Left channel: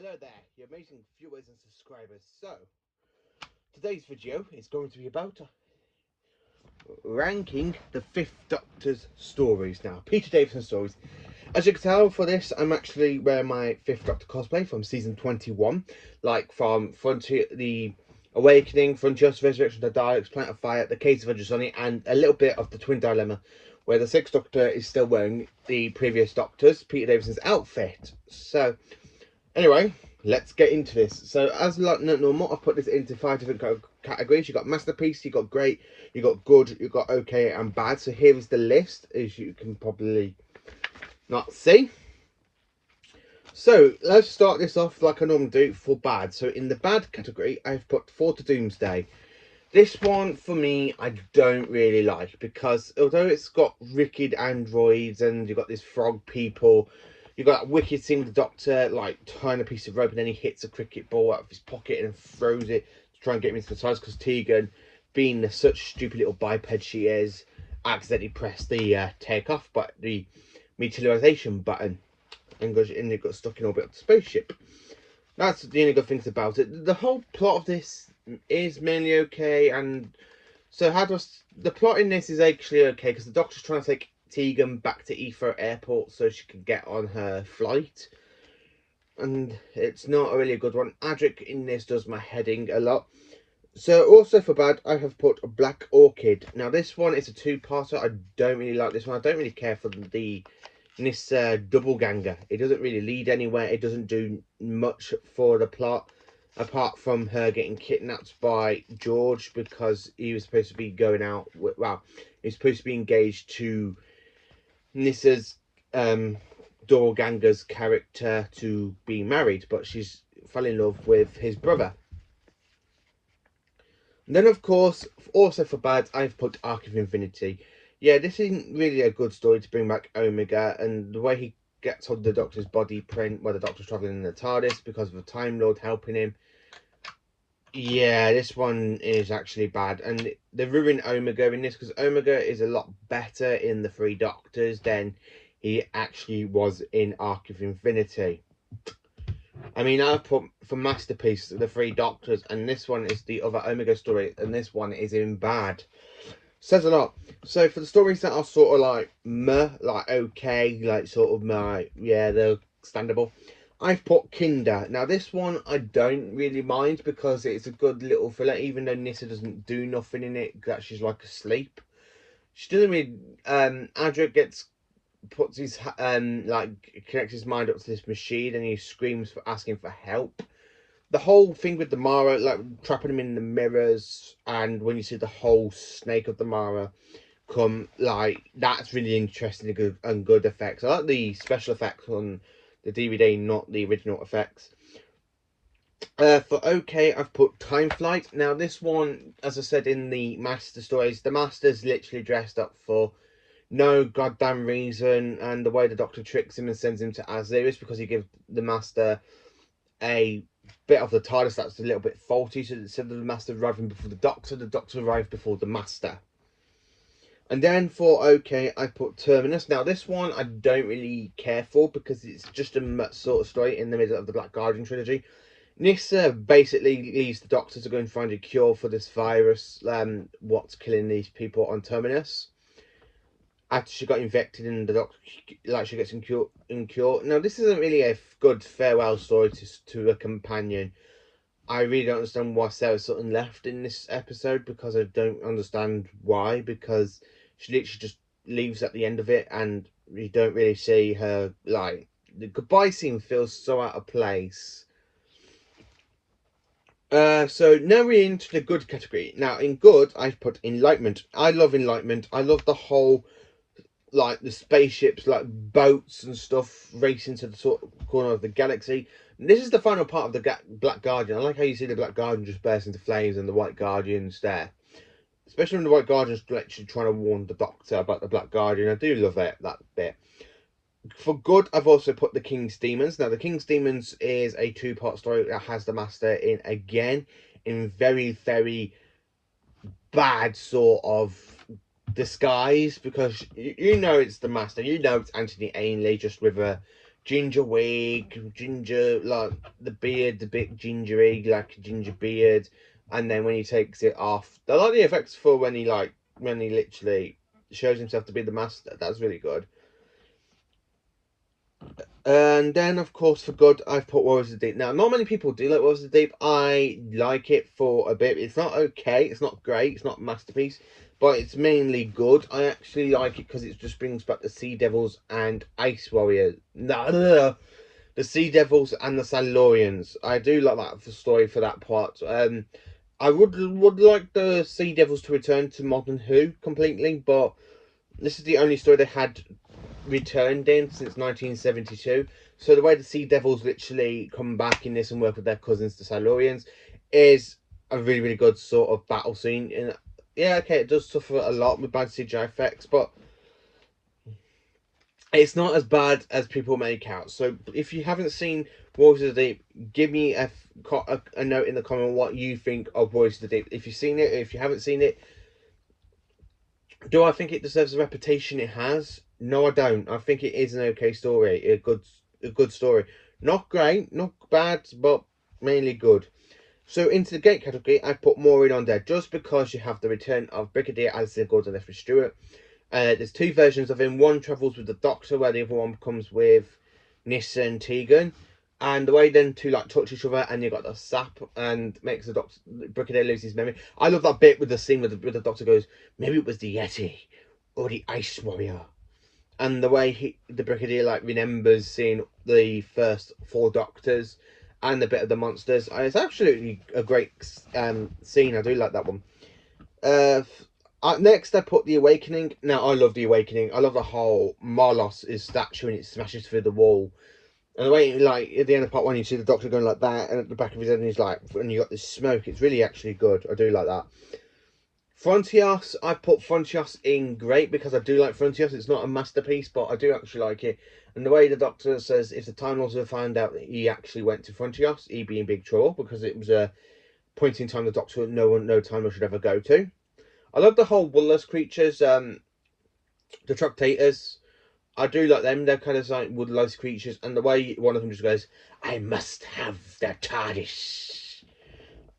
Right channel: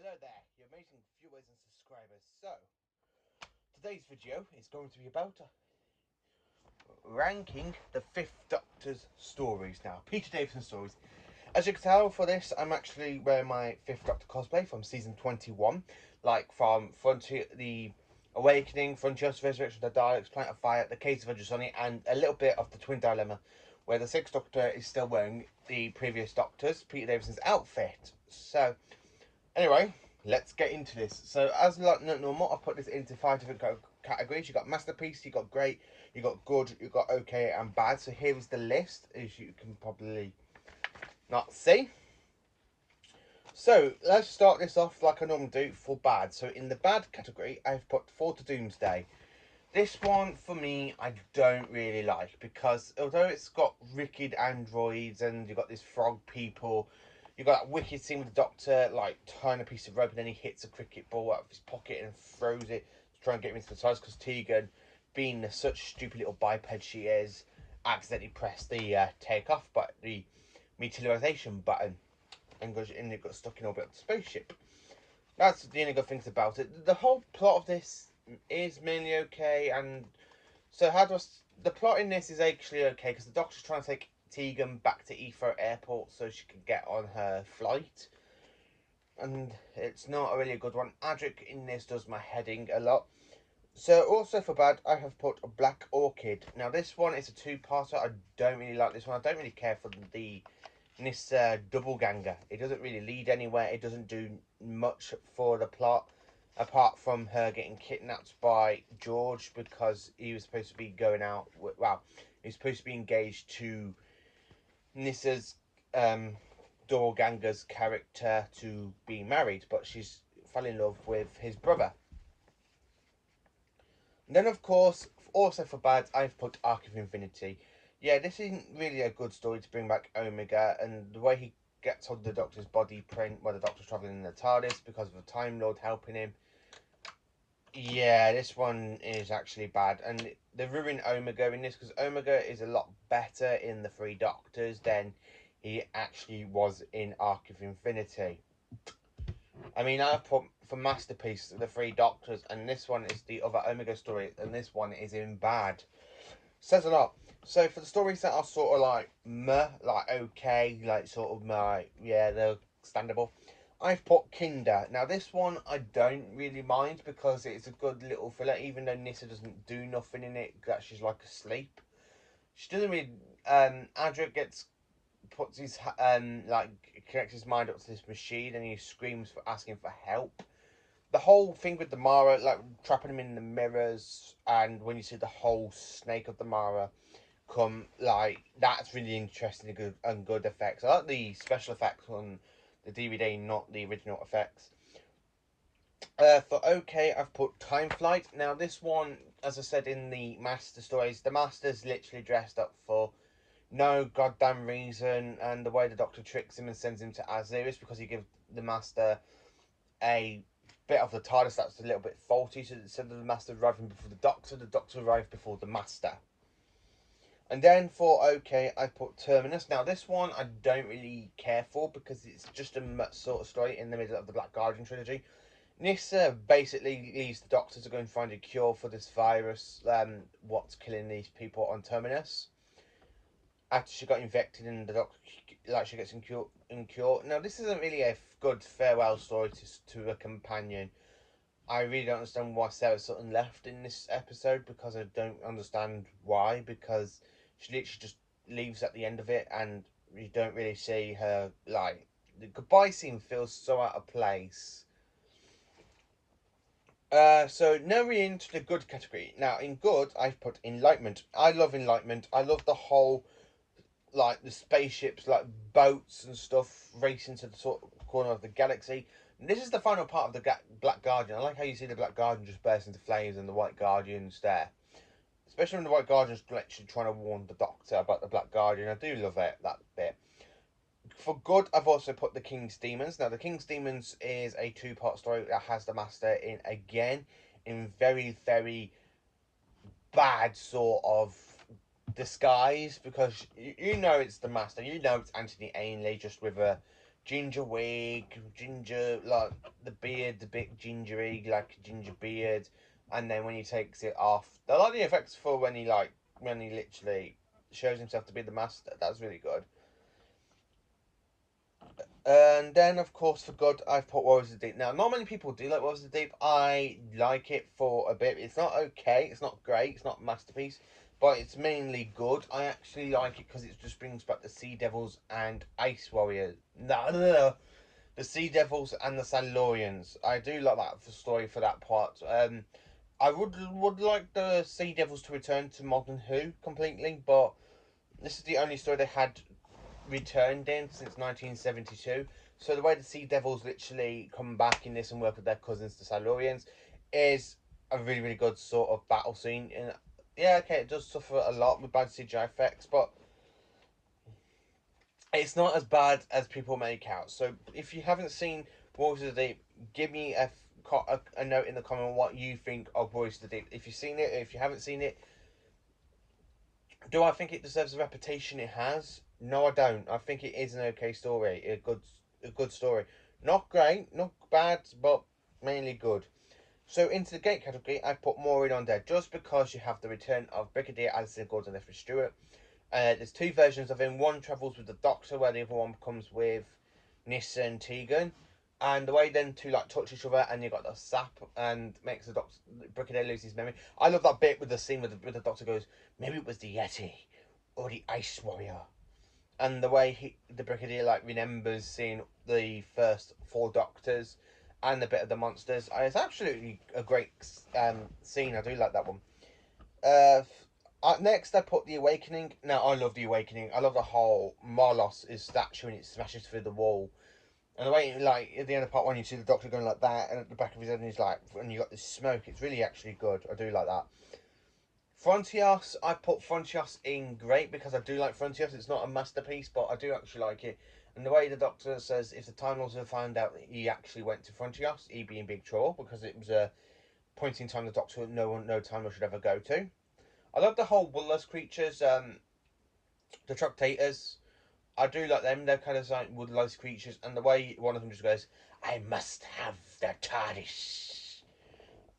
Hello there, you amazing viewers and subscribers. So, today's video is going to be about ranking the Fifth Doctor's stories. Now, Peter Davison stories. As you can tell for this, I'm actually wearing my Fifth Doctor cosplay from season 21. Like from Frontier, the Awakening, Frontier's Resurrection, the Daleks, Planet of Fire, the Case of Johnny, and a little bit of the Twin Dilemma, where the Sixth Doctor is still wearing the previous Doctor's, Peter Davison's outfit. So, anyway, let's get into this. So, as like normal, I've put this into 5 different categories. You got masterpiece, you got great, you got good, you got okay, and bad. So here is the list, as you can probably not see. So let's start this off like I normally do for bad. So in the bad category, I've put Four to Doomsday. This one for me, I don't really like because although it's got wicked androids and you've got these frog people. You've got that wicked scene with the Doctor, like, tying a piece of rope and then he hits a cricket ball out of his pocket and throws it to try and get him into the sides because Tegan, being the such stupid little biped she is, accidentally pressed the take off, but the meteorization button and it got stuck in orbit of the spaceship. That's the only good things about it. The whole plot of this is mainly okay, and so the plot in this is actually okay because the Doctor's trying to take Tegan back to Heathrow Airport so she can get on her flight, and it's not a really good one. Adric in this does my heading a lot. So also for bad, I have put Black Orchid. Now this one is a two-parter. I don't really like this one. I don't really care for this double ganger. It doesn't really lead anywhere. It doesn't do much for the plot apart from her getting kidnapped by George because he was supposed to be going out. Well, he's supposed to be engaged to Nissa's doorganger's character to be married, but she's fell in love with his brother. And then, of course, also for bad, I've put Arc of Infinity. Yeah, this isn't really a good story to bring back Omega, and the way he gets on the Doctor's body print, where the Doctor's travelling in the TARDIS because of a Time Lord helping him. Yeah, this one is actually bad, and they ruin Omega in this because Omega is a lot better in the Three Doctors than he actually was in Arc of Infinity. I mean, I put for masterpiece the Three Doctors, and this one is the other Omega story, and this one is in bad. Says a lot. So for the stories that are sort of like meh, like okay, like sort of like yeah, they're standable. I've put Kinder. Now this one I don't really mind because it's a good little filler, even though Nissa doesn't do nothing in it. That she's like asleep. She doesn't really. Adric gets puts his like connects his mind up to this machine and he screams for asking for help. The whole thing with the Mara, like trapping him in the mirrors, and when you see the whole snake of the Mara come, like that's really interesting and good effects. I like the special effects on the DVD, not the original effects. For okay, I've put Time Flight. Now this one, as I said in the Master stories, the Master's literally dressed up for no goddamn reason, and the way the Doctor tricks him and sends him to Aziris because he gives the Master a bit of the TARDIS that's a little bit faulty. So instead of the Master arriving before the Doctor arrived before the Master. And then for okay, I put Terminus. Now this one I don't really care for because it's just a sort of story in the middle of the Black Guardian trilogy. Nissa basically leaves the Doctor to go and find a cure for this virus, what's killing these people on Terminus. After she got infected and the Doctor, like she gets incure. Now this isn't really a good farewell story to a companion. I really don't understand why Sarah Sutton left in this episode because I don't understand why. Because she literally just leaves at the end of it, and you don't really see her. Like the goodbye scene feels so out of place. So now we're into the good category. Now in good, I've put Enlightenment. I love Enlightenment. I love the whole like the spaceships, like boats and stuff, racing to the sort of corner of the galaxy. This is the final part of the Black Guardian. I like how you see the Black Guardian just burst into flames and the White Guardian's there. Especially when the White Guardian's literally trying to warn the Doctor about the Black Guardian. I do love it, that bit. For good, I've also put the King's Demons. Now, the King's Demons is a two-part story that has the Master in again in very, very bad sort of disguise because you know it's the Master, you know it's Anthony Ainley just with a ginger wig, ginger, like the beard, the bit gingery, like a ginger beard, and then when he takes it off, I like the effects for when he literally shows himself to be the master. That's really good. And then, of course, for good, I've put Warriors of the Deep. Now, not many people do like Warriors of the Deep. I like it for a bit. It's not okay. It's not great. It's not a masterpiece. But it's mainly good. I actually like it because it just brings back the Sea Devils and Ice Warriors. No. The Sea Devils and the Silurians. I do like that for story for that part. I would like the Sea Devils to return to Modern Who completely, but this is the only story they had returned in since 1972. So the way the Sea Devils literally come back in this and work with their cousins, the Silurians, is a really, really good sort of battle scene. And yeah, okay, it does suffer a lot with bad CGI effects, but it's not as bad as people make out. So if you haven't seen Warriors of the Deep, give me a note in the comment what you think of Warriors of the Deep. If you've seen it, if you haven't seen it, do I think it deserves the reputation it has? No, I don't. I think it is an okay story, a good story. Not great, not bad, but mainly good. So into the gate category, I put Maureen on there just because you have the return of Brigadier Alistair Gordon Lethbridge Stewart. There's two versions of him. One travels with the Doctor, where the other one comes with Nyssa and Tegan. And the way then two like touch each other, and you got the sap, and makes the Doctor Brigadier lose his memory. I love that bit with the scene where the Doctor goes, maybe it was the Yeti or the Ice Warrior, and the way the Brigadier like remembers seeing the first four Doctors and the bit of the monsters. It's absolutely a great scene. I do like that one. Uh, Next, I put The Awakening. Now, I love The Awakening. I love the whole Marlos' statue and it smashes through the wall. And the way, like, at the end of part one, you see the Doctor going like that, and at the back of his head, and he's like, and you got this smoke. It's really actually good. I do like that. Frontios, I put Frontios in great because I do like Frontios. It's not a masterpiece, but I do actually like it. And the way the Doctor says, if the Time Lords have found out that he actually went to Frontios, he'd be in big trouble because it was a point in time the Doctor no Time Lord should ever go to. I love the whole Woodless creatures, the Troctators. I do like them. They're kind of like woodless creatures, and the way one of them just goes, "I must have the TARDIS."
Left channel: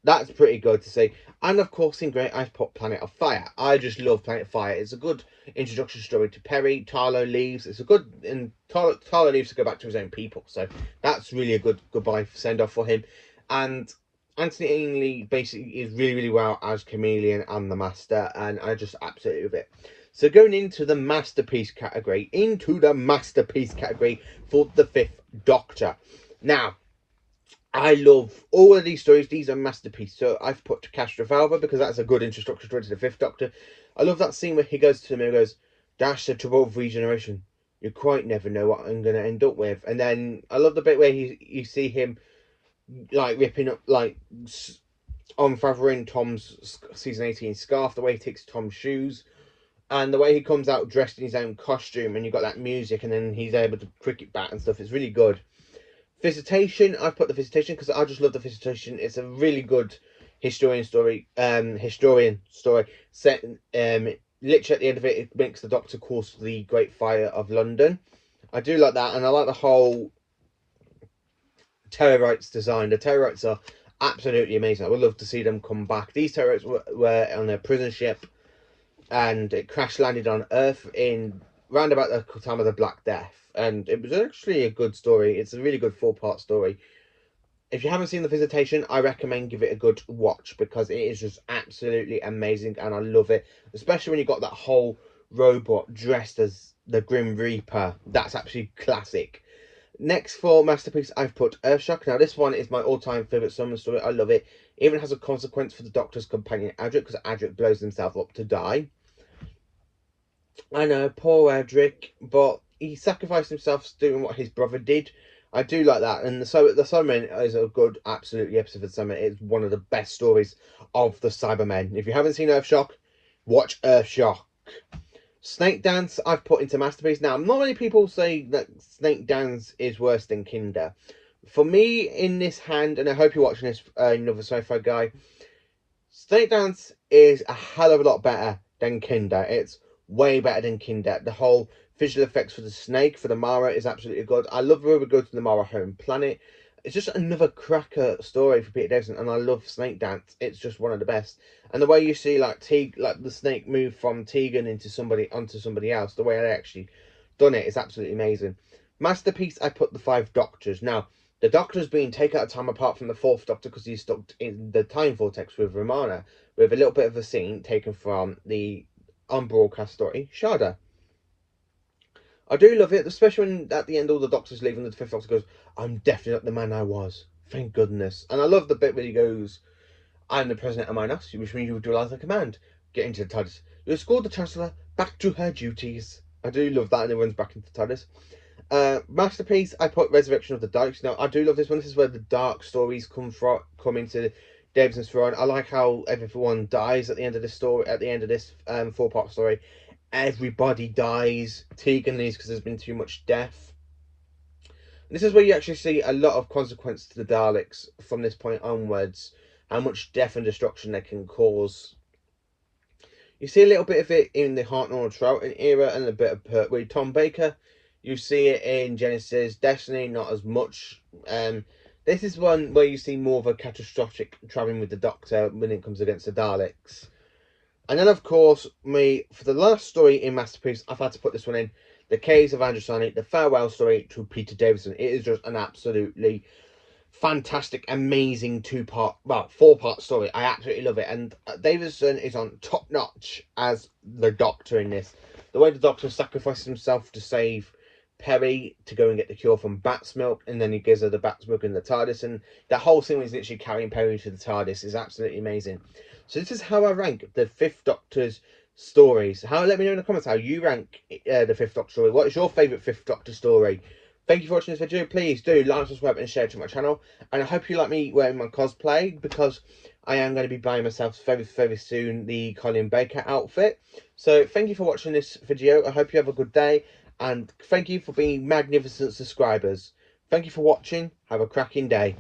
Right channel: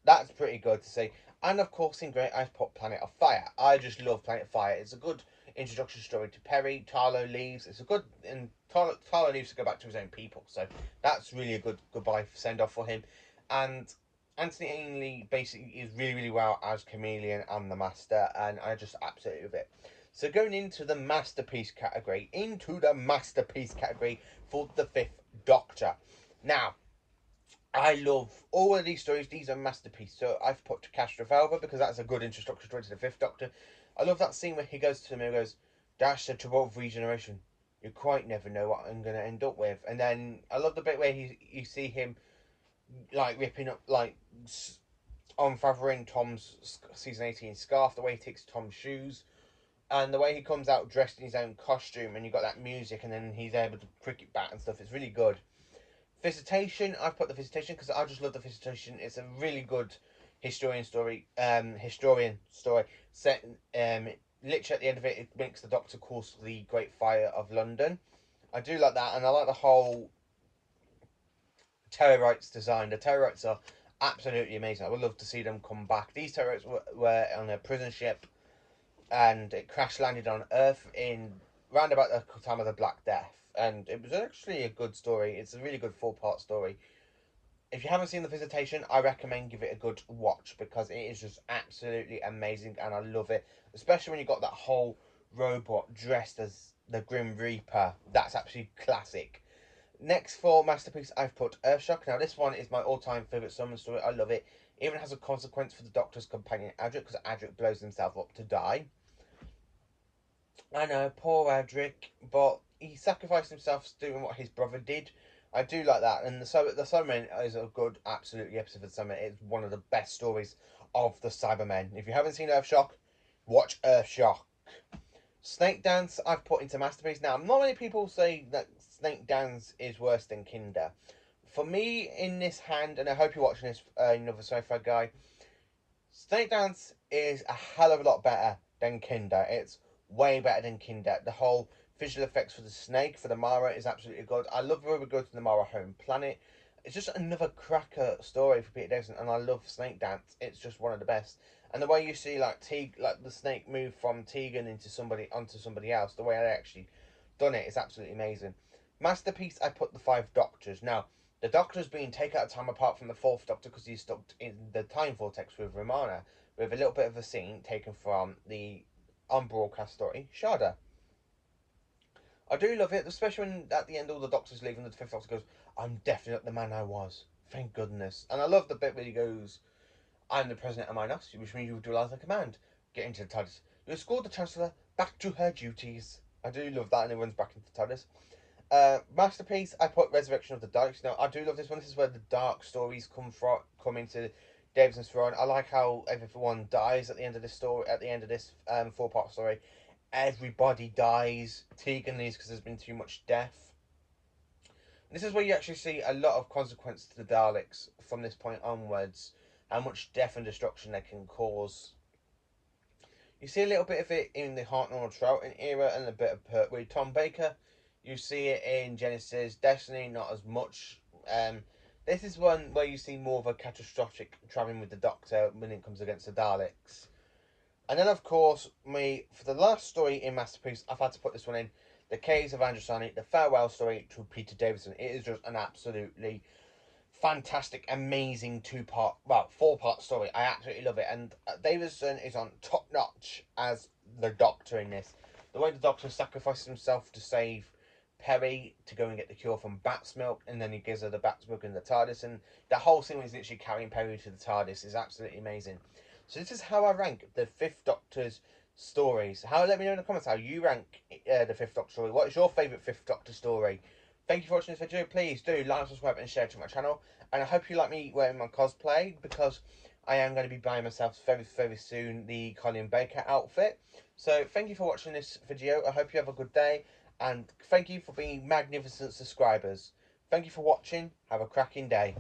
That's pretty good to see. And of course, in Great, I've put Planet of Fire. I just love Planet of Fire. It's a good introduction story to Perry. Tarlo leaves. It's a good, and Tarlo leaves to go back to his own people. So that's really a good goodbye send off for him. And Anthony Ainley basically is really, really well as Chameleon and the Master, and I just absolutely love it. So going into the masterpiece category, for the Fifth Doctor. Now, I love all of these stories. These are masterpieces. So I've put Castrovalva because that's a good introduction story to the Fifth Doctor. I love that scene where he goes to him and goes, "That's the trouble with regeneration. You quite never know what I'm going to end up with." And then I love the bit where you see him like ripping up, like unfathering Tom's season 18 scarf, the way he takes Tom's shoes, and the way he comes out dressed in his own costume, and you got that music, and then he's able to cricket bat and stuff. It's really good. Visitation, I've put the Visitation because I just love the Visitation. It's a really good historian story. Set literally at the end of it, it makes the Doctor course the Great Fire of London. I do like that, and I like the whole Terrorites design. The Terrorites are absolutely amazing. I would love to see them come back. These Terrorites were on a prison ship, and it crash landed on Earth in round about the time of the Black Death, and it was actually a good story. It's a really good 4-part story. If you haven't seen The Visitation, I recommend give it a good watch because it is just absolutely amazing, and I love it, especially when you got that whole robot dressed as the Grim Reaper. That's actually classic. Next for masterpiece, I've put Earthshock. Now this one is my all-time favourite summer story. I love it. It even has a consequence for the Doctor's companion Adric because Adric blows himself up to die. I know, poor Adric, but he sacrificed himself doing what his brother did. I do like that, and the Cybermen is a good, absolutely episode of the Cybermen. It's one of the best stories of the Cybermen. If you haven't seen Earthshock, watch Earthshock. Snake Dance, I've put into masterpiece. Now, not many people say that Snake Dance is worse than Kinder. For me, in this hand, and I hope you're watching this, another sci-fi guy, Snake Dance is a hell of a lot better than Kinder. It's way better than Kinder. The whole visual effects for the snake, for the Mara, is absolutely good. I love where we go to the Mara home planet. It's just another cracker story for Peter Davison, and I love Snake Dance. It's just one of the best. And the way you see like like the snake move from Tegan into somebody onto somebody else, the way they actually done it is absolutely amazing. Masterpiece, I put the Five Doctors. Now, the Doctor's being taken out of time apart from the Fourth Doctor because he's stuck in the time vortex with Romana, with a little bit of a scene taken from the unbroadcast story, Shada. I do love it, especially when at the end all the Doctors leave and the Fifth Doctor goes, "I'm definitely not the man I was. Thank goodness." And I love the bit where he goes, "I'm the president of Minos, which means you will do as I command. Get into the TARDIS. You escort the Chancellor back to her duties." I do love that, and it runs back into the TARDIS. Masterpiece, I put Resurrection of the Darks. Now, I do love this one. This is where the dark stories come into Davison's throne. I like how everyone dies at the end of this story. At the end of this four-part story, everybody dies. Tegan leaves because there's been too much death. And this is where you actually see a lot of consequence to the Daleks from this point onwards. How much death and destruction they can cause. You see a little bit of it in the Hartnell Troughton era and a bit of Pertwee Tom Baker. You see it in Genesis, Destiny, not as much. This is one where you see more of a catastrophic travelling with the Doctor when it comes against the Daleks. And then, of course, for the last story in Masterpiece, I've had to put this one in. The Caves of Androsani, the farewell story to Peter Davison. It is just an absolutely fantastic, amazing four-part story. I absolutely love it, and Davison is on top notch as the Doctor in this. The way the Doctor sacrifices himself to save Perry to go and get the cure from bat's milk, and then he gives her the bat's milk in the TARDIS, and the whole scene is literally carrying Perry to the TARDIS is absolutely amazing. So this is how I rank the Fifth Doctor's stories. Let me know in the comments how you rank the Fifth Doctor story. What is your favourite Fifth Doctor story? Thank you for watching this video. Please do like, subscribe and share to my channel. And I hope you like me wearing my cosplay, because I am going to be buying myself very, very soon the Colin Baker outfit. So thank you for watching this video. I hope you have a good day. And thank you for being magnificent subscribers. Thank you for watching. Have a cracking day.